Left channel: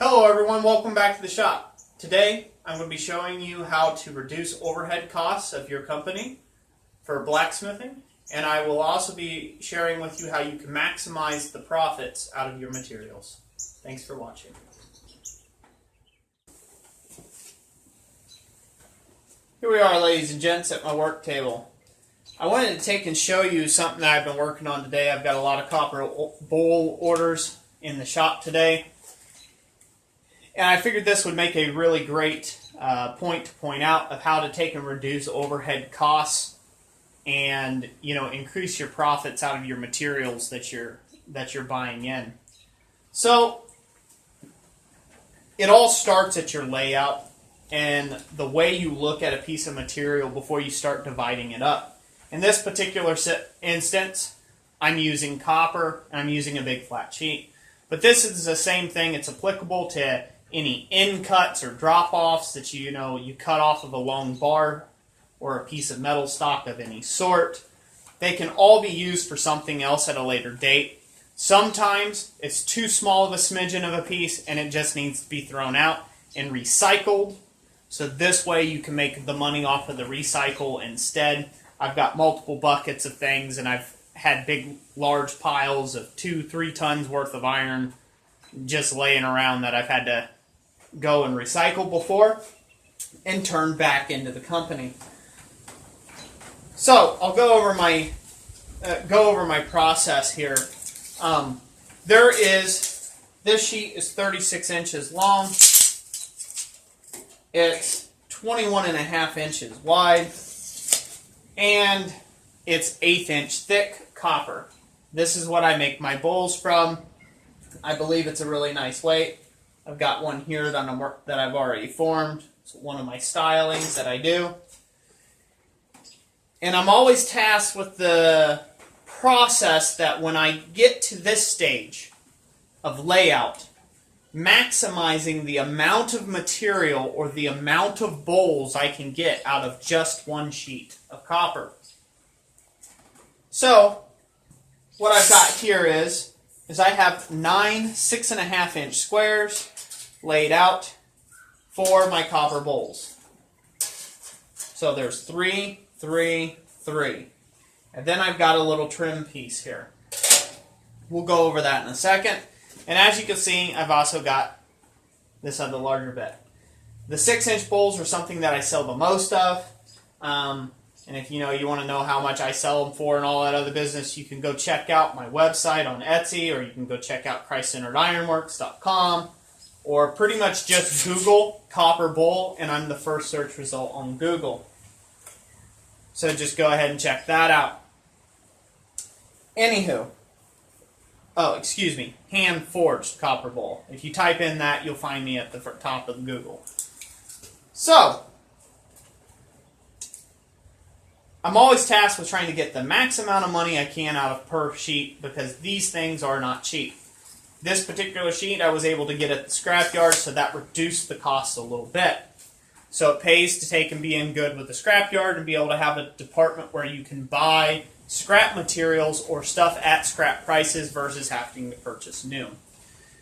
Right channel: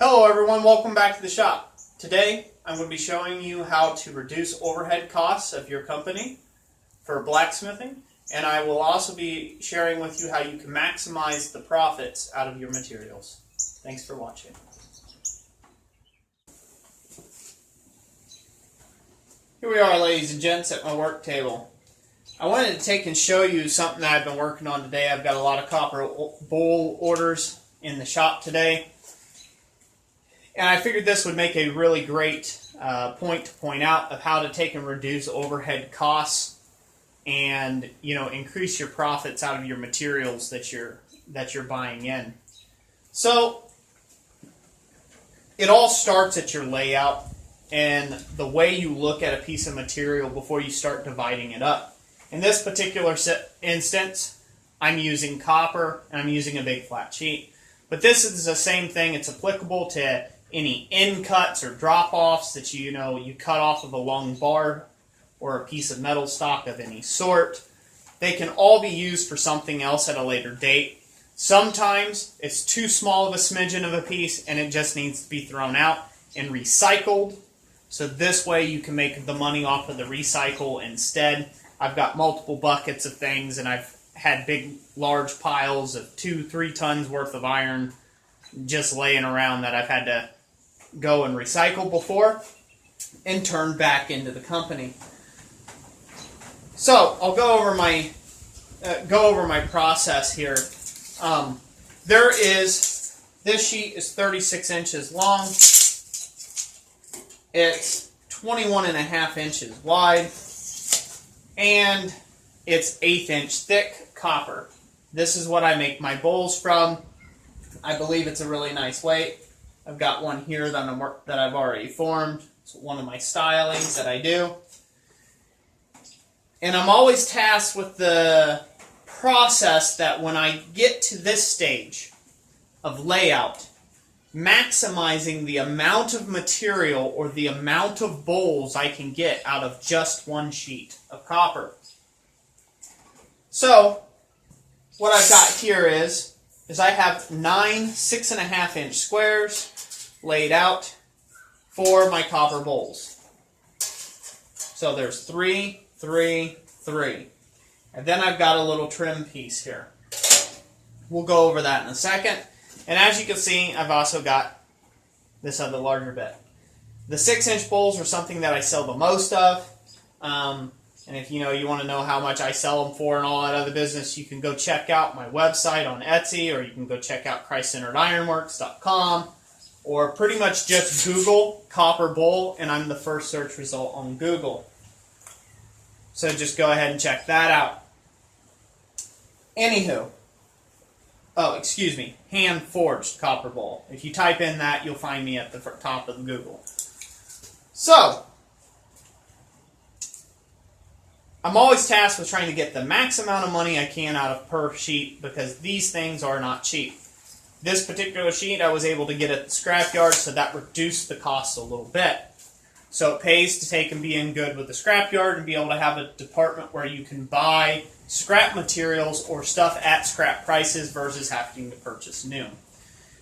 Hello everyone, welcome back to the shop. Today I'm going to be showing you how to reduce overhead costs of your company for blacksmithing, and I will also be sharing with you how you can maximize the profits out of your materials. Thanks for watching. Here we are, ladies and gents, at my work table. I wanted to take and show you something that I've been working on today. I've got a lot of copper bowl orders in the shop today. And I figured this would make a really great point to point out of how to take and reduce overhead costs and, increase your profits out of your materials that you're buying in. So it all starts at your layout and the way you look at a piece of material before you start dividing it up. In this particular instance, I'm using copper and I'm using a big flat sheet. But this is the same thing. It's applicable to any end cuts or drop-offs that you cut off of a long bar or a piece of metal stock of any sort. They can all be used for something else at a later date. Sometimes it's too small of a smidgen of a piece and it just needs to be thrown out and recycled. So this way you can make the money off of the recycle instead. I've got multiple buckets of things and I've had big, large piles of 2-3 tons worth of iron just laying around that I've had to go and recycle before and turn back into the company. So I'll go over my process here. This sheet is 36 inches long. It's 21.5 inches wide, and it's 1/8 inch thick copper. This is what I make my bowls from. I believe it's a really nice weight. I've got one here that I've already formed. It's one of my stylings that I do. And I'm always tasked with the process that when I get to this stage of layout, maximizing the amount of material or the amount of bowls I can get out of just one sheet of copper. So, what I've got here is I have 9 6.5 inch squares laid out for my copper bowls. So there's 3, 3, 3. And then I've got a little trim piece here. We'll go over that in a second. And as you can see, I've also got this other larger bit. The 6-inch bowls are something that I sell the most of. And if you want to know how much I sell them for and all that other business, you can go check out my website on Etsy, or you can go check out ChristCenteredIronworks.com, or pretty much just Google copper bowl, and I'm the first search result on Google. So just go ahead and check that out. Anywho, hand-forged copper bowl. If you type in that, you'll find me at the top of Google. So, I'm always tasked with trying to get the max amount of money I can out of per sheet because these things are not cheap. This particular sheet I was able to get at the scrapyard, so that reduced the cost a little bit. So it pays to take and be in good with the scrapyard and be able to have a department where you can buy scrap materials or stuff at scrap prices versus having to purchase new.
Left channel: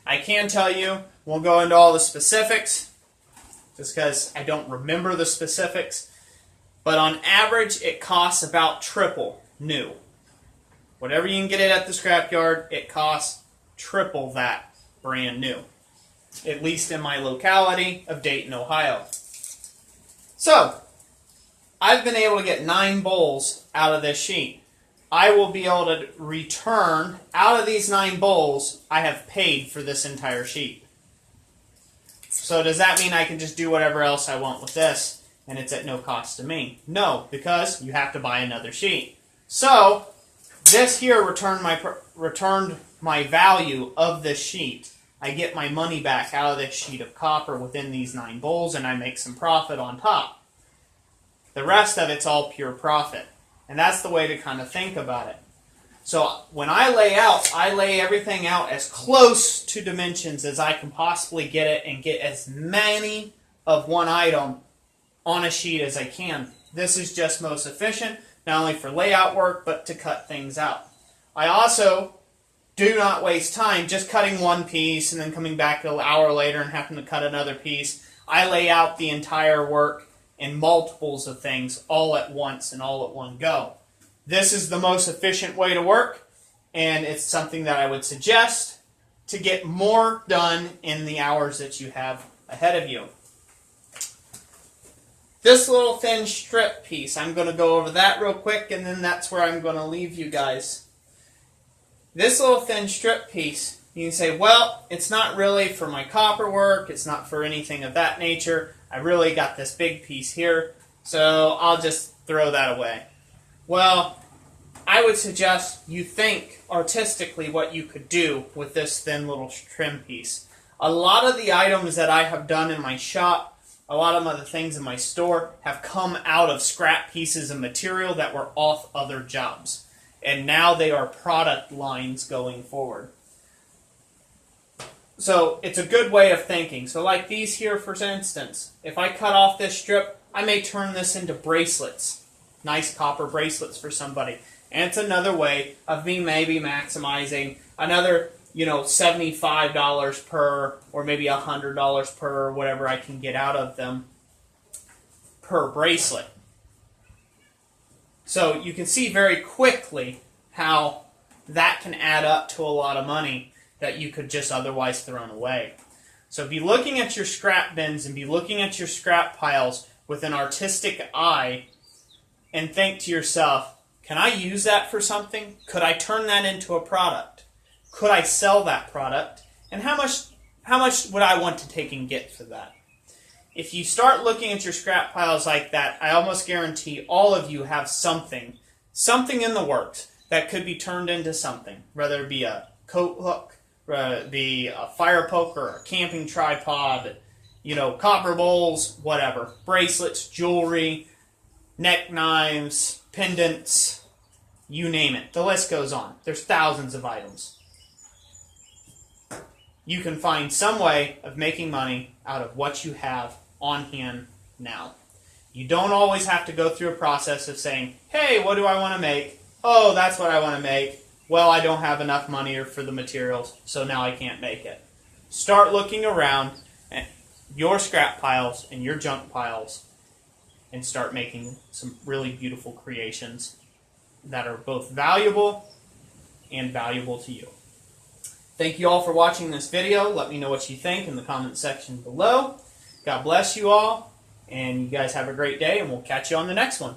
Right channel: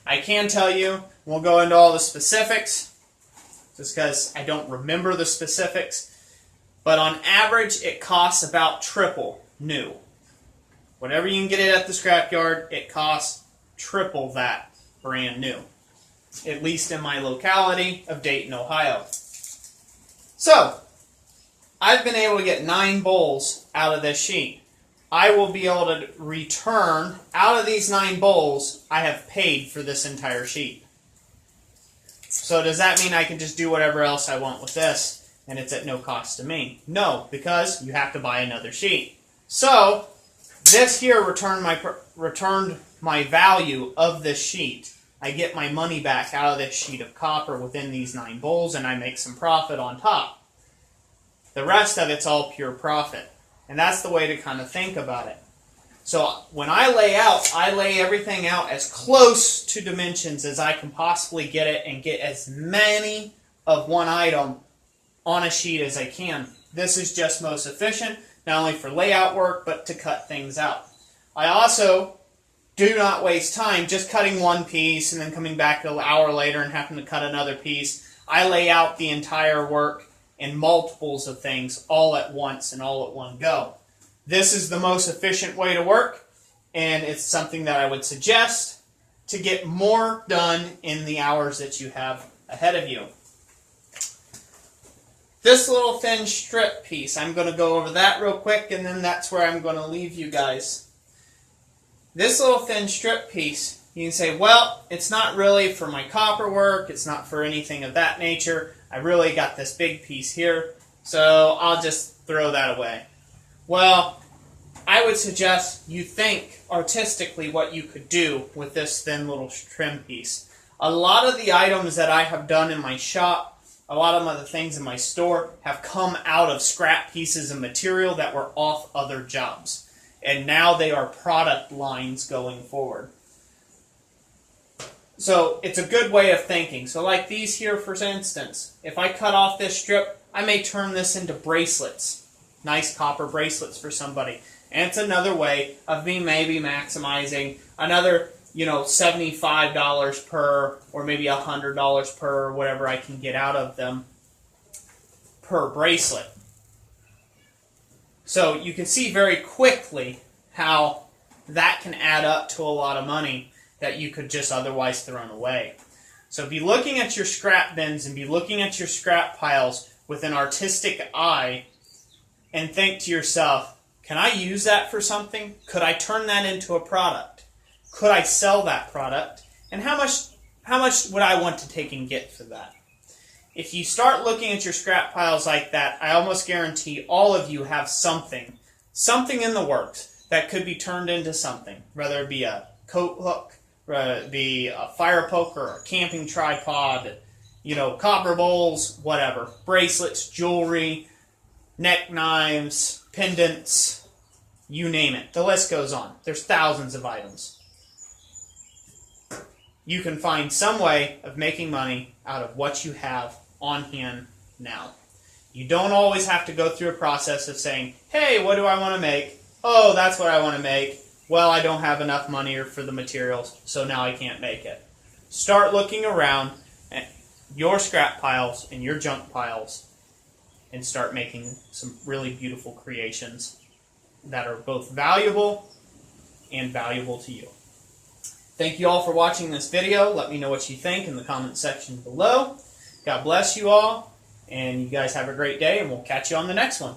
I can tell you, we'll go into all the specifics just because I don't remember the specifics. But on average, it costs about triple new. Whatever you can get it at the scrapyard, it costs triple that brand new. At least in my locality of Dayton, Ohio. So, I've been able to get 9 bowls out of this sheet. I will be able to return, out of these 9 bowls, I have paid for this entire sheet. So does that mean I can just do whatever else I want with this? And it's at no cost to me? No, because you have to buy another sheet. So, this here returned my value of this sheet. I get my money back out of this sheet of copper within these 9 bowls, and I make some profit on top. The rest of it's all pure profit. And that's the way to kind of think about it. So, when I lay everything out as close to dimensions as I can possibly get it and get as many of one item on a sheet as I can. This is just most efficient, not only for layout work, but to cut things out. I also do not waste time just cutting one piece and then coming back an hour later and having to cut another piece. I lay out the entire work in multiples of things all at once and all at one go. This is the most efficient way to work, and it's something that I would suggest to get more done in the hours that you have ahead of you. This little thin strip piece, I'm going to go over that real quick, and then that's where I'm going to leave you guys. This little thin strip piece, you can say, well, it's not really for my copper work, it's not for anything of that nature. I really got this big piece here, so I'll just throw that away. Well, I would suggest you think artistically what you could do with this thin little trim piece. A lot of the items that I have done in my shop, a lot of other things in my store, have come out of scrap pieces of material that were off other jobs. And now they are product lines going forward. So it's a good way of thinking. So like these here, for instance, if I cut off this strip, I may turn this into bracelets. Nice copper bracelets for somebody. And it's another way of me maybe maximizing another, $75 per, or maybe $100 per, whatever I can get out of them per bracelet. So you can see very quickly how that can add up to a lot of money that you could just otherwise thrown away. So be looking at your scrap bins and be looking at your scrap piles with an artistic eye and think to yourself, can I use that for something? Could I turn that into a product? Could I sell that product? And how much would I want to take and get for that? If you start looking at your scrap piles like that, I almost guarantee all of you have something in the works that could be turned into something, whether it be a coat hook, whether it be a fire poker, a camping tripod, copper bowls, whatever, bracelets, jewelry, neck knives, pendants, you name it. The list goes on. There's thousands of items. You can find some way of making money out of what you have on hand now. You don't always have to go through a process of saying, hey, what do I want to make? Oh, that's what I want to make. Well, I don't have enough money for the materials, so now I can't make it. Start looking around at your scrap piles and your junk piles and start making some really beautiful creations that are both valuable and valuable to you. Thank you all for watching this video. Let me know what you think in the comment section below. God bless you all, and you guys have a great day, and we'll catch you on the next one.